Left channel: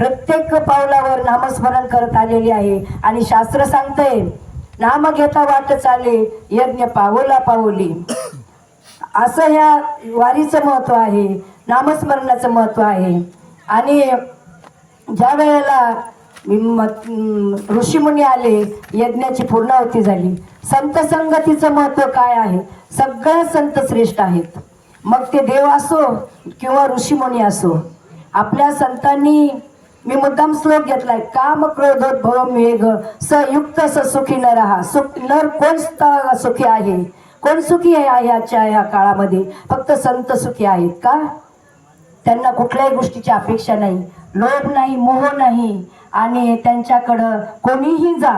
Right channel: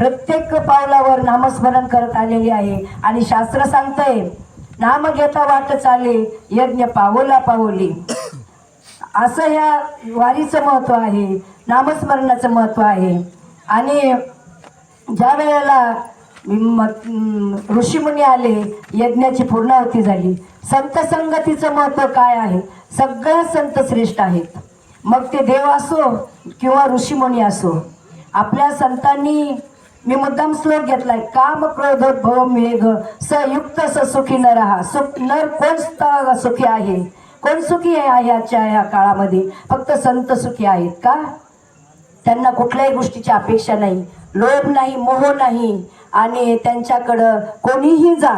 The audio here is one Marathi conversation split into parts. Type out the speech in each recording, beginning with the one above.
प्रत्येक पावलावर नामस्मरण करत आलेली आहे आणि शास्त्र सांगतंय नाम घेता वाट चाले यज्ञ पावला पावली. असं ह्या वारीचं महत्व आहे, नामस्मरणाचं महत्व आहे. आणि ज्या वेळेला ऋषीमुनी आले, यज्ञाची पूर्णाहुती झाली. संत संगतीचं महत्व काय आहे? सगळ्या संत श्रेष्ठ आहेत, मग ते देव असो किंवा ऋषीमुनी असो. आपल्या संतांनी, मी मुद्दाम श्लोक घेतलाय, काम क्रोधोद्भव वेग सयुक्त सुखी न रहा. नर कोण सुखी आहे? कोण सुखी आहे याच्या या काळामध्ये? फक्त संत सुखी आहेत. का? त्यांना कुठल्याही गोष्टीची अपेक्षा नाही, लोभ नाही, मोह नाही. आणि त्यांच्याकडं कोणीही जा,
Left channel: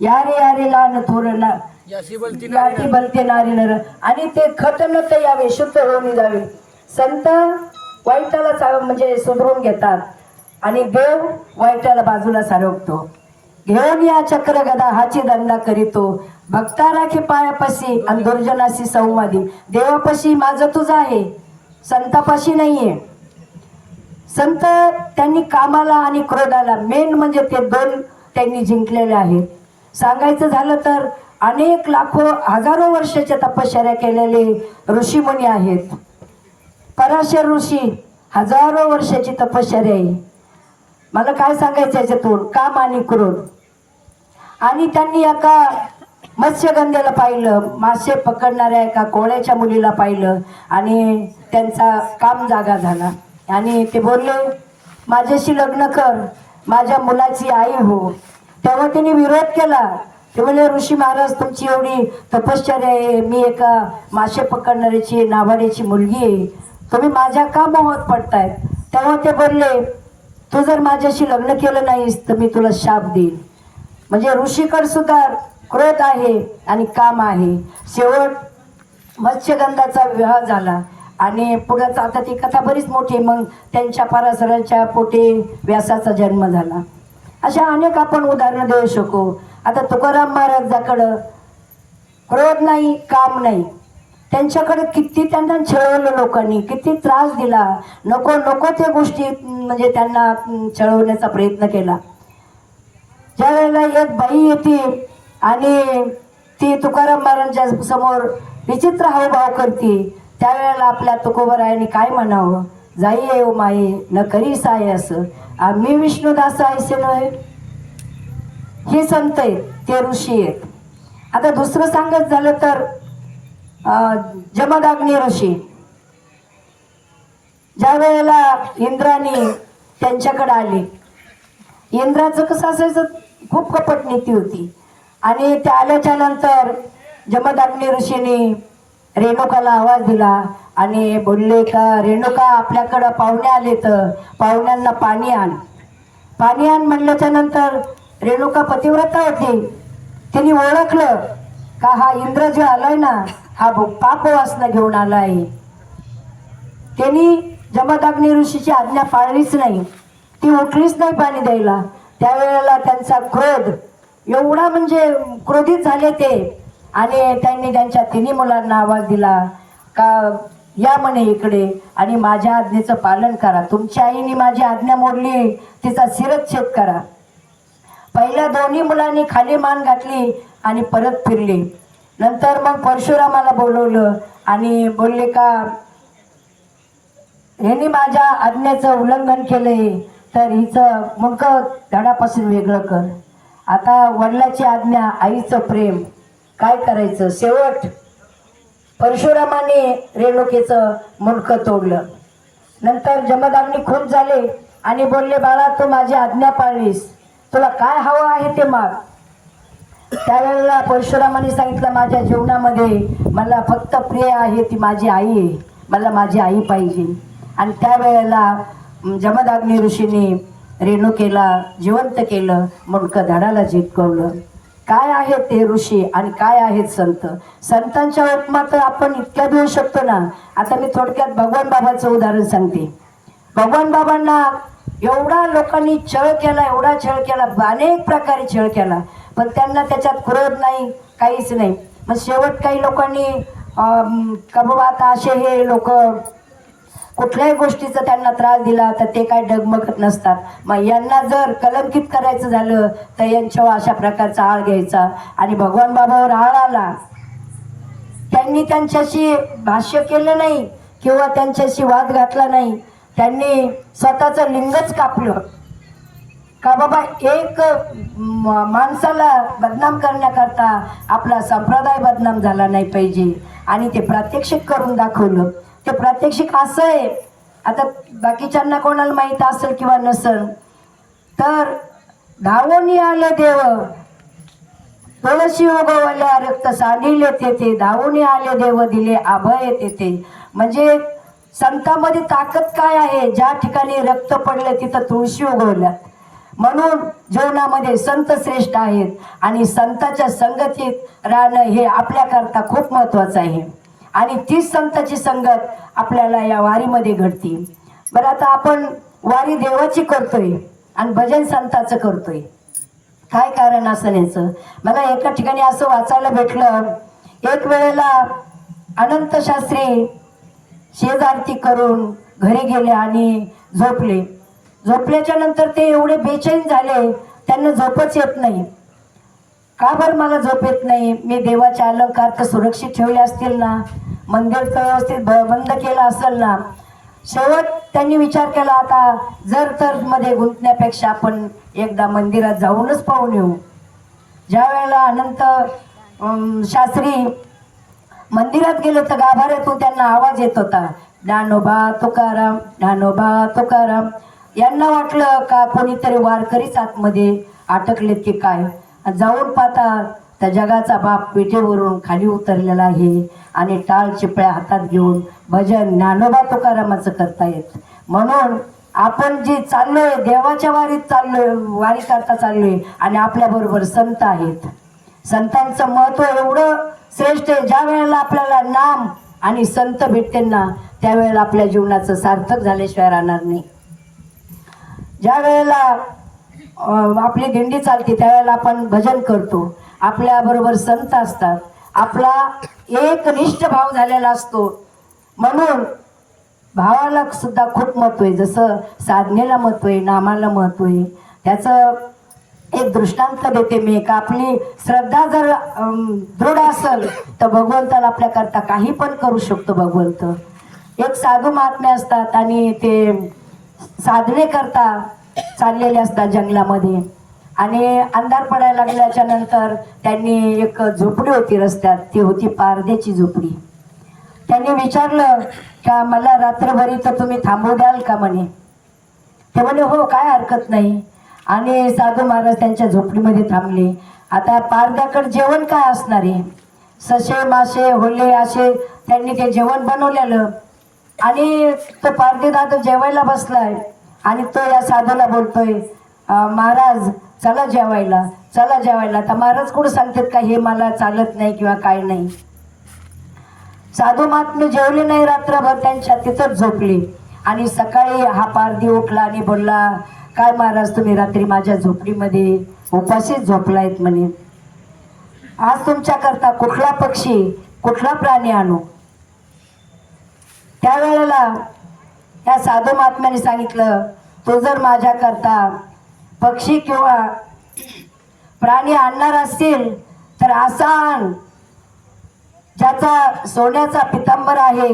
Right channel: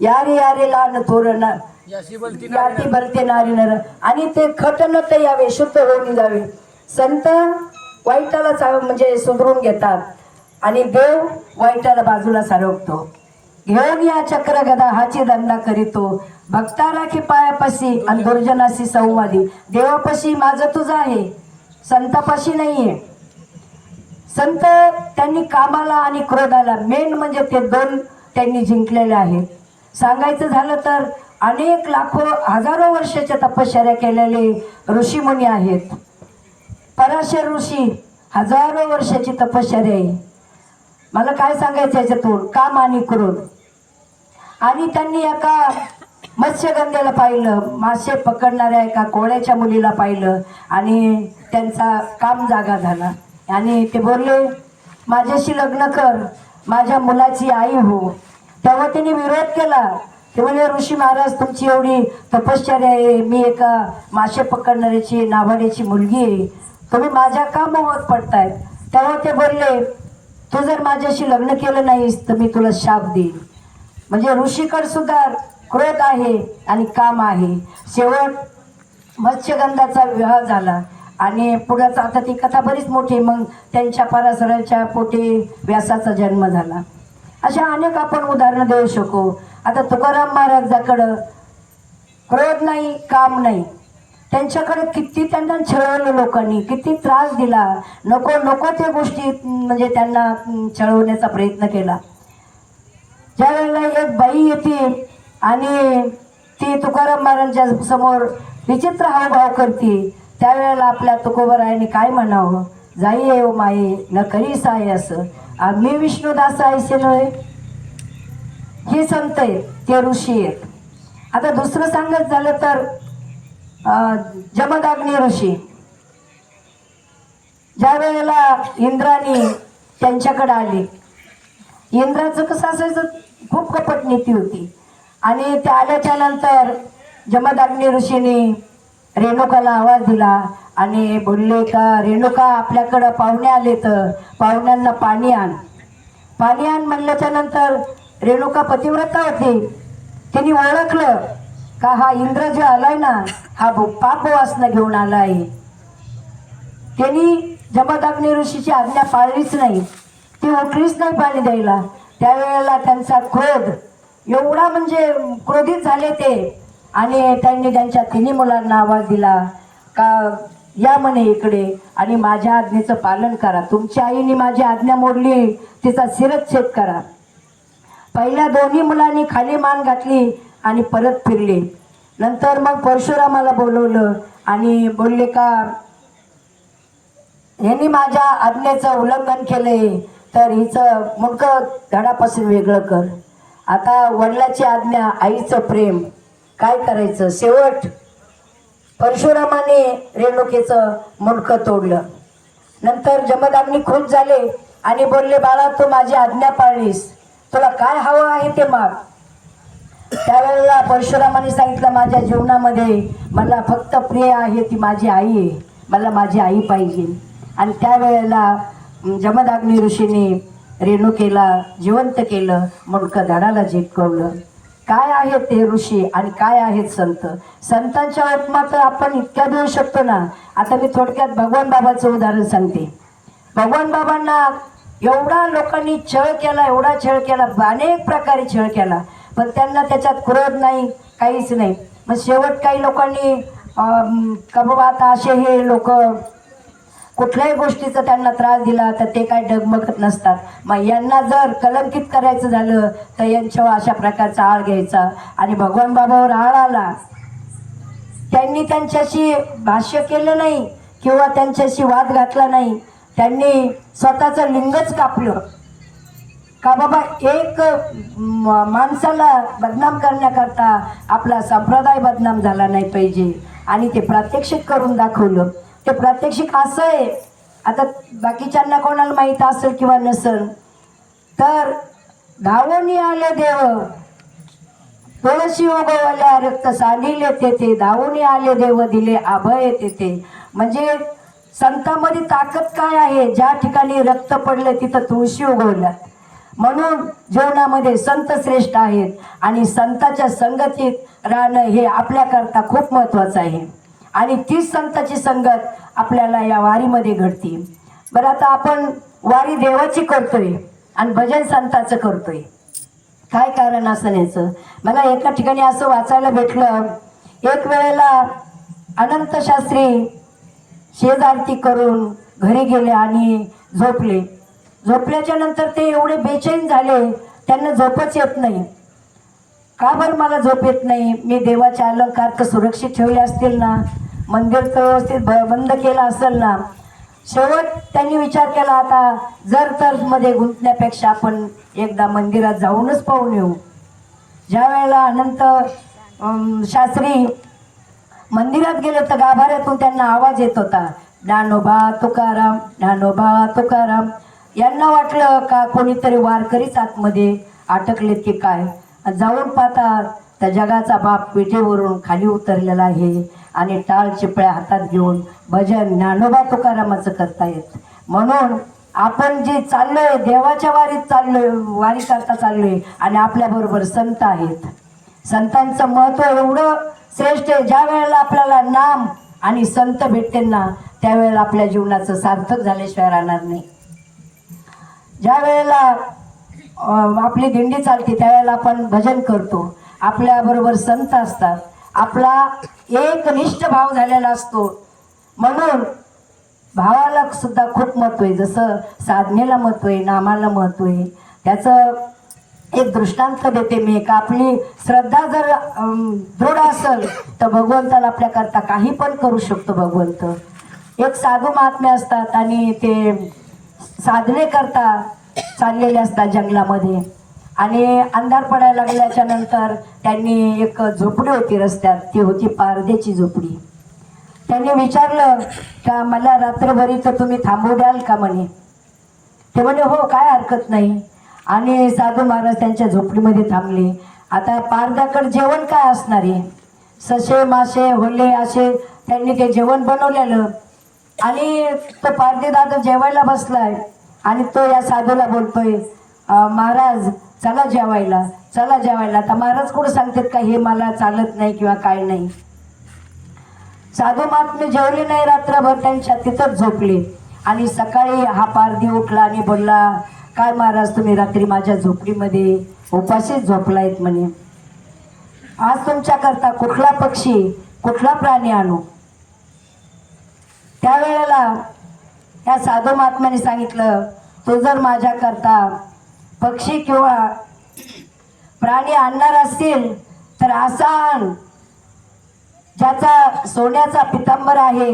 यारे यारे लान थोरण याती बलते नारी नर. आणि ते खट न ते यावे, शुद्ध होऊन जावे. संत वाईटाला म्हणजे सुधरून घेतात आणि देव वाईटाला बाजूला सारवतो. घेऊन या चक्र गदा हाची धंदा करीतो, भक्ता राखी पायापाशी आणि दुर्जनाशी संवादी. देवापाशी माझं तुझं आहे, संतापाशी नाहीये. संत त्यांनी कामाला आणि क्रोधाला, मेन म्हणजे ते दोन त्यांनी जिंकलेले आहेत. सांगायचं झालं तर अनेक लाखो हजारो वर्षाच्या तपश्चर्या केलेले ऋषीमुनी आहेत. पराशर ऋषी हजारो वर्षाची तपश्चर्या आहे. मला काय सांगायचं याच्यातून? काम आणि क्रोध. आणि त्यांनी एका मत्स्यगंधेला पाहिलं, मासे पकडणाऱ्या एका कोळ्याच्या मुलीला पाहिलं आणि त्यांचा काम जागा झाला. आणि ते बोलले, माझ्याशी लग्न कर, माझ्या मुलाची आई हो. तेव्हा त्यांनी विरोध केला. ते बोलले, ऋषी महाराज तुमची एवढी तपश्चर्या आहे, मी एका मासे पकडणाऱ्याची नावाड्याची मुलगी आहे, तुम्ही माझ्या का मोहात पडतायत? तेव्हा ते बोलले, तू जर माझ्याशी लग्न केलं नाहीस तर मी तुला शाप देईन. म्हणजे ऋषीकड सुद्धा क्रोध आहे आणि काम आहे. शेवट मत्स्यगंधाचा विवाह झाला आणि पुढं आता ती कथा बरीच मोठी. मग त्यांच्या पराशराच्या पोटी व्यासाचा जन्म झाला. अशा अनेक आपण उदाहरणं देऊ शकू. आता तुकाराम महाराजाकडं क्रोध नाही, काम नाही. त्यांच्याकडे किती त्यांना छळवलं लोकांनी, किती त्रास दिला, नको नको त्या गोष्टी म्हणजे त्यांना छळवण्याचा प्रयत्न केला. ज्या वेळेला एक बाई येते आणि ती तुकाराम महाराजांच्या समोर विचित्र हावभाव करते, त्यावेळेला आपल्या तुकोबरायांनी काय म्हणावं? जाई येऊ माये न करी साय असं, आम्ही विष्णुदास ऐसे नव्हे. हे संत आहेत, ते ऋषी आहेत. आता दुसरं सांगत झालं तर जमदग्नी ऋषी, ज्या वेळेला इंद्राणी त्यांच्याकडे आले, इंद्राचं कसं असायचं, खूप कपट नीती होती. आणि त्या आल्याच्या नंतर जमदग्नी ऋषीने रेणुकाला आवाज दिला आणि बोलले का, रेणुका आपल्याकडं पाहुणे आले तर पाहुण्यांना पाणी आण. पाणी आण म्हणल्याच्या नंतर रेणुका पतिव्रता होती, तिने ओळखलं का हा इंद्र जो आलाय ना, हा पाप वासना घेऊन आलाय. त्यांनी जमदग्नी ऋषीची आज्ञा पाळलीच नाही, ती उठलीच नाही पाणी द्यायला. त्यावेळेला त्यांचा क्रोध एवढा म्हणजे क्रोधित झाले ते. आणि त्यांनी त्यांच्या तिन्ही मुलांना आवाज दिला का या म्हणे इकडे आणि माझ्या आज्ञेचं पालन करा. तुमच्या आईने माझी आज्ञा मोडली, तिचा शिरच्छेद करा. पहिल्या दोन्ही मुलांनी खाली मान घातली आणि परत फिरले. नंतर मग परशुरामाला बोलवलं आणि बोलले का यांनी माझ्या आज्ञेचं उल्लंघन केलंय तर हिचं मुंडकं धडापासून वेगळं कर. आता वडिलाची आज्ञा, आईचं प्रेम, काय करायचं? शेवट परशुरामाने रेणुकेचं मुंडकं तोडलं. नंतर जमदग्नी खूप झाले आणि बोलले, बाळा तू माझी आज्ञा पाळलीस, तुला काय हवं आहे ते माग. त्यावेळेला परशुरामाने सांगितलं, माझ्या जीवनामध्ये मला फक्त प्रिय आहे ती माझी आई आहे, मला माझी आई पाहिजे. आणि त्यावेळेला जमदग्नी ऋषीने रेणुकेला जिवंत केलं, मुंडकं धडाला झिटकवलं. काय आहेत ते ऋषी आणि काय आहेत संत? संतांच्या उपमा तर आपण इतक्या देऊ शकतो ना. आता मी थोडक्यात भगवान बाबाचं उदाहरण सांगते. भगवान बाबांना एवढा लोकांनी छळ केला, एवढा छळ केला, अनेक प्रकारे छळ केला, पण त्यांना त्याच्यात क्रोध नाही, काहीच नाही. मग शेवट काही लोकांनी कबूबात असे हे लोक कुठल्याही गोष्टीचा त्यांना त्रास दिला तर ते काय डगमगत नसतात. मग यांना जर कलंकित करायचं झालं तर यांच्यावर अशा प्रकारचा आळ घ्यायचा. आणि भगवान बाबावर आळ आला, त्यांनी त्यांच्याशी भाष्य केलं नाही किंवा त्यांच्याशी वाद घातला नाही. त्यांनी स्वतःचं लिंगच कापलं का बाबा एक माणसाला बदनाम करण्याकरता आपला संप्रदाय बदनाम झाला नाही पाहिजे. आणि ते प्रात्यक्षिक करून दाखवलं. ते प्रात्यक्षिक असं आहे, आता बाकीच्यांना कोणाला माहीत असेल किंवा नसेल तर धावून आले देव तुळशी उगवल्या रक्त सांडिले तेथे, धावून आले देव दिले अभय तेथे. म्हणजे संतांमध्ये ताकद काय आहे, ज्या ठिकाणी रक्त पडले तिथं तुळशी उगवल्यात. म्हणून जीवनामध्ये संत श्रेष्ठ आहेत आणि संतांच्या संगतीत राहणं हे आपल्याकरता खूप महत्वाचं आहे. आणि तीच संतांची संगत आपल्याला या वारीमध्ये घडते. बरं, आता आपण वारी देवाची करतोय आणि भजन संतांचं करतोय, काय कारण असं याचं? मला एका ठिकाणी असं वाचायला भेटलं, एक वेळेला अनंत शास्त्री शेजारती करून घरी गेले आणि झोपले. झोपल्याच्या नंतर ते एवढे बेचैन झाले, त्यांना झोपच येत नाही. का बरं मला झोप येत नाही? मी देवाचे अलंकार तर सुरक्षित ठेवले असतील ना, मंदिर तर व्यवस्थित बंद केलं असेल ना. शेवट त्यांनी विचार केला, आता जर तर मध्ये गुंतण्यापेक्षा आपण एकदा मंदिरात जाऊनच पाहून येऊ. ज्या वेळेला अनंत शास्त्री मंदिरात गेले तर गाभाऱ्यातून त्यांना आवाज येत होता, ज्ञानोबा तुकाराम, ज्ञानोबा तुकाराम. यांना वाटलं का कोणीतरी वारकरीच आतमध्ये अटकलेत की काय. जाऊन पाहता त्या जगाचा बाप विटेवरून खाली उतरलेला आहे आणि टाळ चिपळ्या हातात घेऊन भजन ज्ञानोबा तुकारामाचं करतायत. म्हणून आपण जे चाललोय देवाच्या वारीत चाललोय, वारी करता चाललोय आणि आपल्या बरोबर संत आहेत. संतांचं महत्व एवढं श्रेष्ठ आहे. ज्या वेळेला आपल्याला नाम आणि संत भेटते ना त्यावेळेला आपल्या जीवनाचं सार्थक झाल्याशिवाय राहणार नाही. ज्या वेळेला आपली दिंडी चालते त्यावेळेला आपण भजन करतो, आपल्या बरोबर संत असतात, आपला एक निष्ठ भाव झालेला असतो. म्हणून भावाला सुद्धा खूप महत्व आहे. जसं साधनेला महत्व आहे, नामाला महत्व आहे. त्याचं एक दृष्टांत देते मी, का आपली श्रद्धा जर दृढ असेल तर भगवंताला आपल्याकरता काही पण करू शकतो भगवंत. एक साधू महात्मे असतात आणि ते साधने करता चाललेले असतात जंगलामध्ये आणि अंधार पडायला लागल्याच्या नंतर त्यांनी एक झोपडी होती रस्त्यात, ती होती पारध्याची झोपडी. त्यांनी विचारलं का मला रात्रभर इथं तुम्ही थांबू द्याल का म्हणे. ते म्हणे हो, काय हरकत नाही. आणि साधू महाराज त्यांच्या झोपडीमध्ये थांबले. आता पारध्याकडे जेवण काय असणार आहे, ससे मासे होले असे त्यांनी ते जेवण बनवलेलं. आणि तो पारधी दादा जेवायला बसलाय आणि तो या साधूला बोलतोय, महाराज चला जेवायला, चला जेवायला. तर महाराज कुठं सांगतात का हे मला चालत नाही किंवा काय नाही. साधू महात्मे जेवले नाही रात्रभर, त्यांच्या तिथंच झोपले. आणि सकाळी हा पारधी उठला आणि बोलला, काय महाराज तुम्ही रात्री माझ्या झोपडीमध्ये उपाशीच झोपलायत म्हणे. आज तुमच्याकरता कुठला पक्षी कुठला प्राणी आणू. त्यावेळेला त्या साधू महात्म्याने सांगितलं, तू जर माझ्याकरता पक्षी किंवा प्राणी आणणार असतील तर असा आण ज्याचा सोन्याचा पितांबर आहे,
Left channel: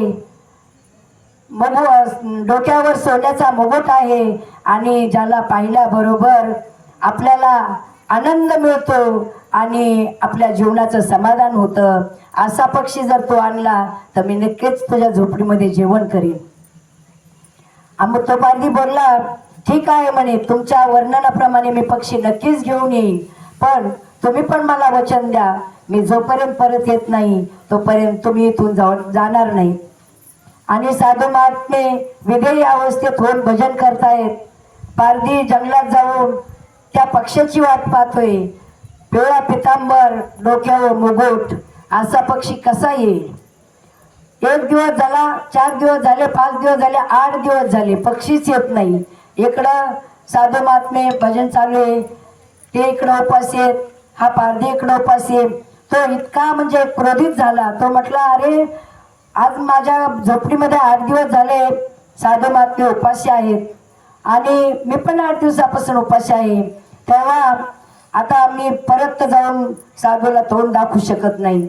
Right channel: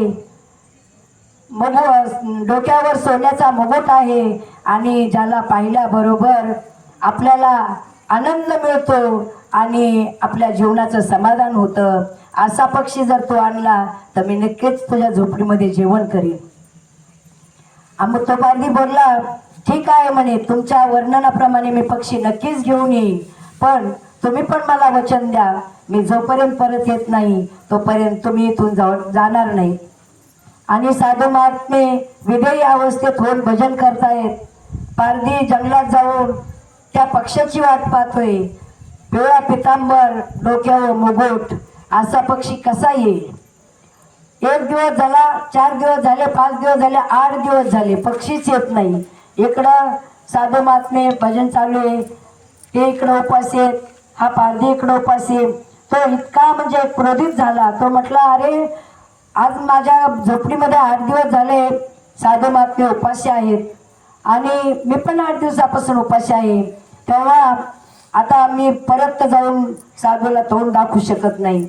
डोक्यावर सोन्याचा मुकुट आहे आणि ज्याला पाहिल्याबरोबर आपल्याला आनंद मिळतो आणि आपल्या जीवनाचं समाधान होतं. असा पक्षी जर तो आणला तर मी नक्कीच तुझ्या झोपडीमध्ये जेवण करीन. मग तो पारधी बोलला, ठीक आहे म्हणे, तुमच्या वर्णनाप्रमाणे मी पक्षी नक्कीच घेऊन येईन, पण तुम्ही पण मला वचन द्या, मी जोपर्यंत परत येत नाही तोपर्यंत तुम्ही इथून जाणार नाही. आणि साधू महात्मे विधेयी अवस्थेत होऊन भजन करतायत. पारधी जंगलात जाऊन त्या पक्ष्याची वाट पाहतोय. पिवळा पितांबर, डोक्यावर मुकुट असा पक्षी कसा येईल. 1 दिवस झाला, 4 दिवस झाले, 5 दिवस झाले, 8 दिवस झाले, पक्षीच येत नाही. इकडं साधू महात्मे भजन चालू आहे, ते इकडं उपास आहेत, हा पारधी इकडं उपास आहे. तो इतका म्हणजे क्रोधित झाला. तो म्हटला, अरे आज माझ्या झोपडीमध्ये 8 दिवस झाले साधू महात्मे उपाशी आहेत आणि मी पण 8 दिवसापासून उपाशी आहे. तेव्हा आता मी परत जाऊन साधूला तोंड दाखवू शकत नाही.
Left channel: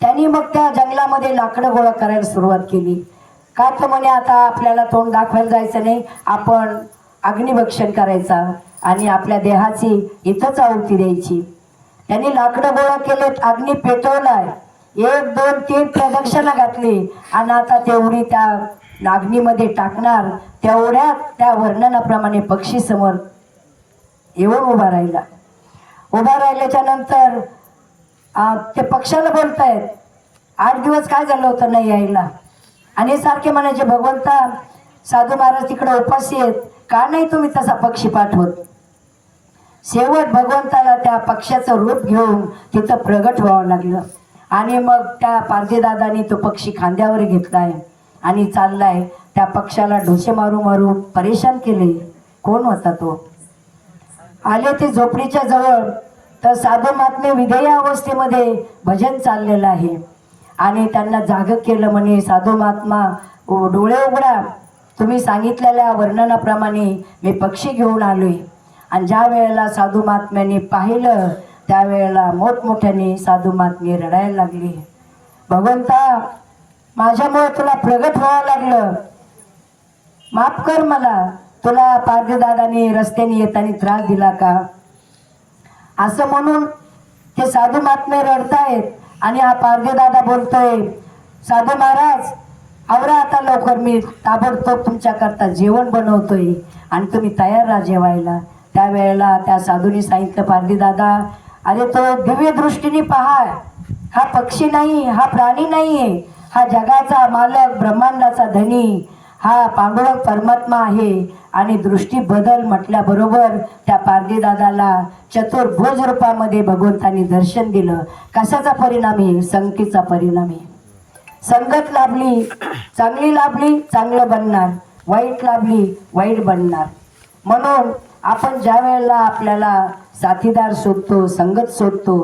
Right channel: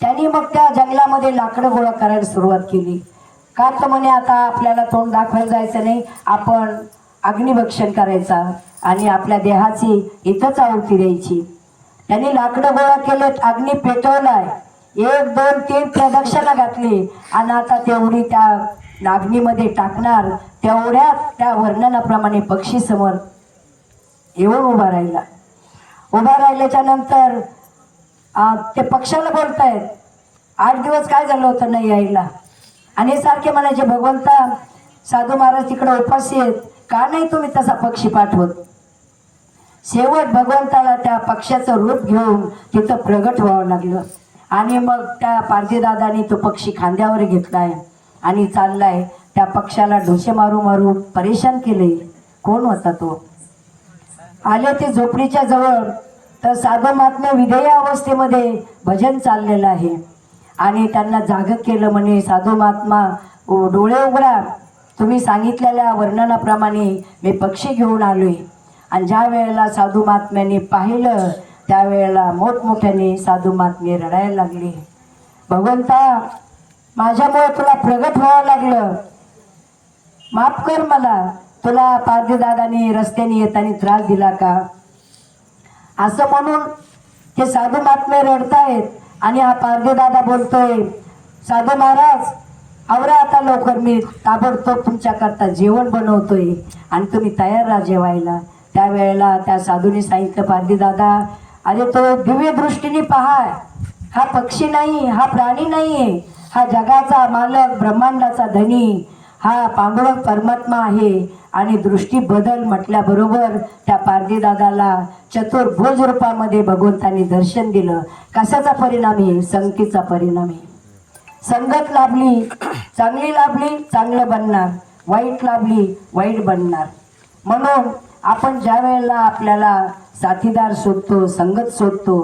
त्यांनी मग त्या जंगलामध्ये लाकडं गोळा करायला सुरुवात केली. का तर म्हणे आता आपल्याला तोंड दाखवायला जायचं नाही, आपण अग्निभक्षण करायचा आणि आपल्या देहाची इथंच आहुती द्यायची. त्यांनी लाकडं गोळा केलेत, अग्नी पेटवलाय, 1 2 3 प्रदक्षिणा घातली आणि आता तेवढी त्या अग्नीमध्ये टाकणार, तेवढ्यात त्या वर्णनाप्रमाणे पक्षी समोर येऊन उभा राहिला. उभा राहिल्याच्या नंतर ते पक्षाला बोलतायत, 8 दिवस काय झालं होतं नाही यायला. आणि सारखे म्हणायचे, भगवंता साधू महाराज तिकडे उपाशी आहेत, का नाही तुम्ही तसा पक्षी पाठवत. शेवट भगवंताला त्या पक्षाचं रूप घेऊन तिथं प्रगट व्हावं लागलं आणि मग त्या पारधीदादांनी तो पक्षी खांद्यावर घेतलाय आणि चाललाय. त्या पक्षाला ढोसे मारू मारू परेशान केले. कोण होता तो? आले ते झोपडीच्या जवळ, तर साधू महात्मे विधेय अवस्थेमध्ये भजन चाललेलं आहे आणि त्यांना जाग केलं. म्हणे, साधू महात्मा डोळे उघडा, तुम्ही सांगितलेल्या वर्णनाप्रमाणे मी पक्षी घेऊन आलोय. आणि ज्या वेळेला साधू महात्म्यांनी पाहिलं त्यावेळेला मोठमोठ्याने साधू महात्मे रडायला लागले. भगवंता, माझ्यामुळे तुला प्रगट व्हावं लागलं, माफ कर मला. तुला पारधीदादाने रस्त्याने येताना त्रास दिला का? असं म्हणून ते साधू महात्मे रडतायत आणि हा पारधीदादा बोलतोय, साधू महाराज आवरा आता लवकर, मी ताबडतोब तुमच्याकरता जेवण बनवतोय आणि तुम्ही तयार राहा जेवायला. त्यावेळेला त्या साधूने सांगितलं, पारधीदादा अरे तो दिव्य दृष्टीने पहा, हा पक्षी नाही, हा प्राणी नाहीये, हा जगाचा मालक, ब्रह्मांडाचा धनी, हा पांडुरंग परमात्मा आहे. आणि दृष्टी बदल म्हटल्याबरोबर त्या पारधीदादाला चतुर्भुज रूपामध्ये भगवंतांनी दर्शन दिलं. कशाचा परिणाम आहे? संगतीचा परिणाम आहे. संगत लाभली, चांगली लाभली, चांगलं बनणार, वाईट लाभली, वाईट बनणार. म्हणून आपण ज्या वेळेला आपल्याला साथीदार शोधतो, संगत शोधतो,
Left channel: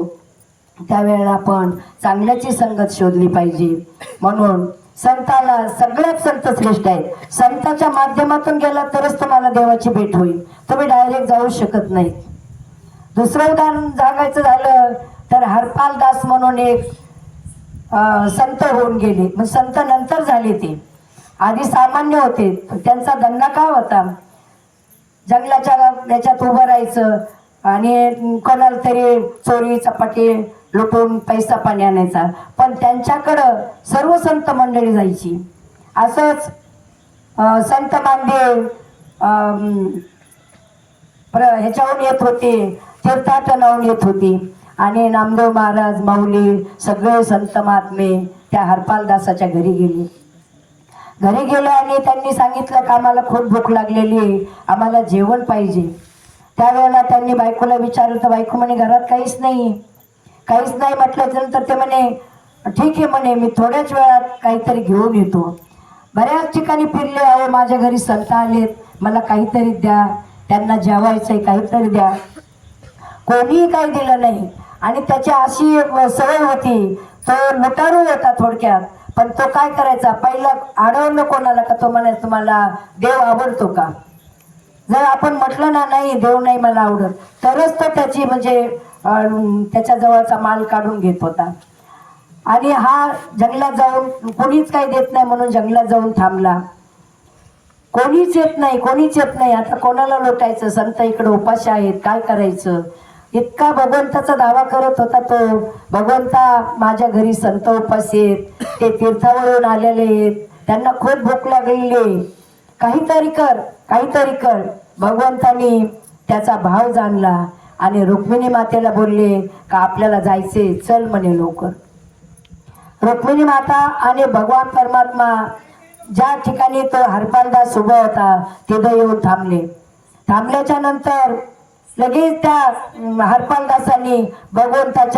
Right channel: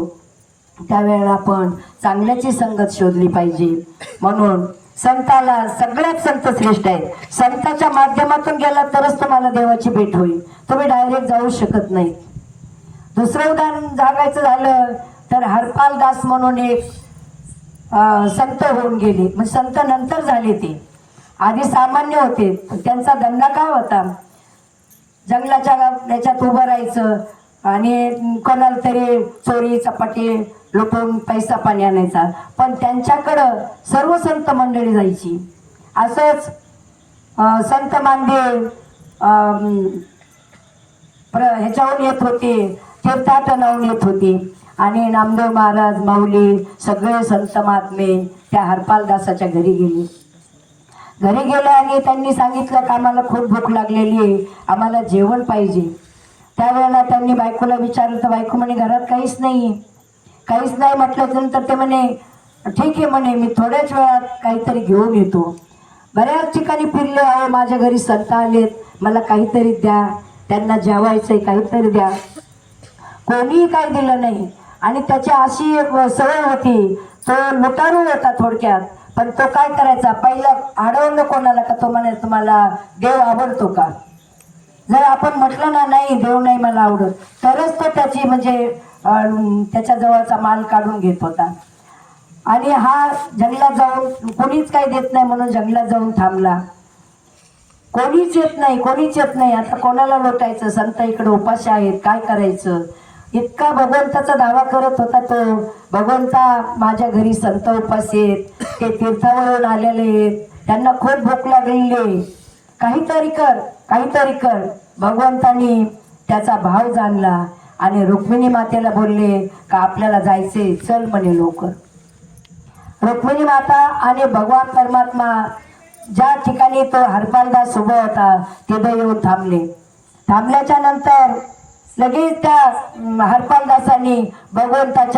त्यावेळेला आपण चांगल्याची संगत शोधली पाहिजे. म्हणून संताला सगळ्यात संत श्रेष्ठ आहेत. संताच्या माध्यमातून गेला तरच तुम्हाला देवाची भेट होईल, तुम्ही डायरेक्ट जाऊ शकत नाही. दुसरं उदाहरण सांगायचं झालं तर हरपाल दास म्हणून एक संत होऊन गेले. मग संत नंतर झाले, ते आधी सामान्य होते. त्यांचा धंदा काय होता? जंगलाच्या याच्यात उभं राहायचं आणि कोणाला तरी चोरी चपाटी लुटून पैसा पाणी आणायचा. पण त्यांच्याकडं सर्व संत मंडळी जायची. असंच संत मांडे ह्याच्याहून येत होते, तीर्थाटनाहून येत होती आणि नामदेव महाराज, माऊली, सगळे संत महात्मे त्या हरपालदासाच्या घरी गेले. घरी गेले आणि त्यांनी सांगितलं की आम्हाला खूप भूक लागलेली आहे, आम्हाला जेवण पाहिजे. त्यावेळेला त्यांनी बायकोला विचारलं तर बायको म्हणे, घरात काहीच नाही. काहीच नाही म्हटलं नंतर ते म्हणे, ठीक आहे म्हणे, मी थोड्याच वेळात काहीतरी घेऊन येतो. बऱ्याच ठिकाणी फिरले, अहो माझ्या घरी संत आलेत, मला काहीतरी द्या, त्यांना जेवायचंय, काहीतरी द्या. कोणीही काही दिलं नाही. आणि त्याची अशी सवय होती, तो लुटारू होता थोडक्यात. पण तो काय करायचा, पहिलं अडवलं कोणाला का तो म्हणायचा, तुम्हाला देव आवडतो का? जर आपण म्हटलं ना, नाही देव नाही मला आवडत, तरच तो त्याची म्हणजे त्याच्या जवळचा माल काढून घेत होता. आणि हा जंगलात जाऊन कोणीच काही देत नाही म्हणून जंगलात जाऊन थांबला. कोणीच येत नाही, कोणीच येत नाही. आता कोणाला लोटायचं? संत इकडे उपाशी आहेत, काय करायचं? इतका भगवंताचा दावा करत होता तो, भगवंता माझ्या घरी संत उपाशी आहेत, ते तीर्थावरून आलेले आहेत, त्यांना खूप भूक लागलेली आहे, काहीतरी कर, काहीतरी कर. भगवंतानी त्याचा भाव जाणला आणि रुक्मिणी मातेला बोलले का आपल्याला जायचे, चल म्हणे लवकर. रुक्मिणी माता आणि भगवान परमात्मा ज्या ठिकाणी तो हरपालदास उभा होता तिथे येऊन थांबले. थांबल्याच्या नंतर लगेच त्या हरपालदासांनी भगवंताच्या